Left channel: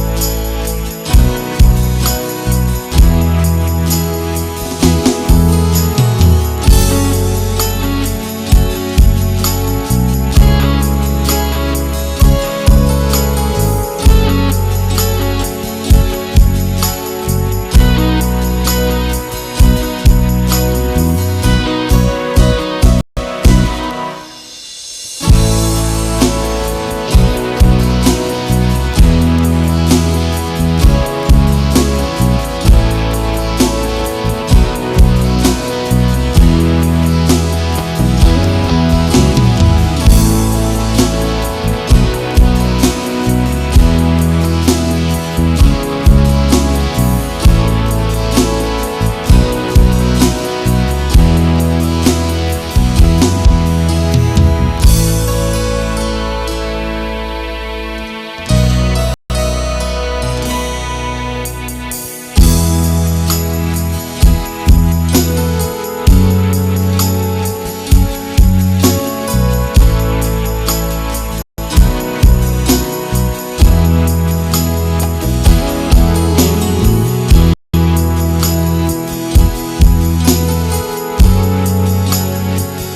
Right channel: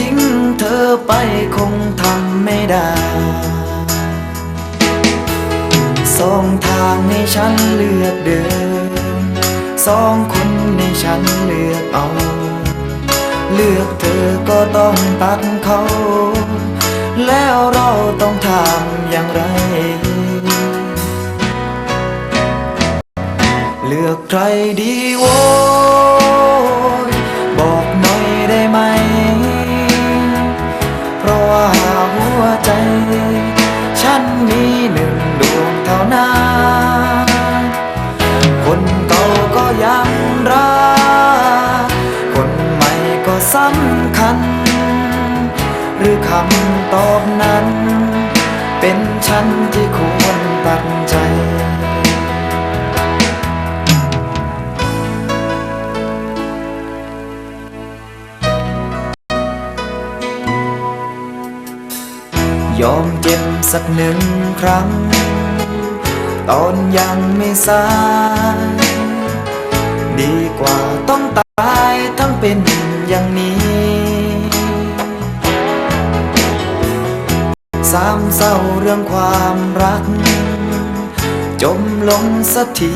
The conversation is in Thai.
ทิ้งเธอไปคงทำไม่ได้ สองทางให้ฉันเลือกเดิน สองคนให้ฉันเลือกเอา เลือกเธอก็ต้องตัดเขาำคัหรือคำตอบนั้น เป็นฉันที่ควรตั้งใจยอมเจ็บสักหนึ่งครั้ง ตอนยังไม่สาย เศร้าเรื่องความรัก จมลงสักที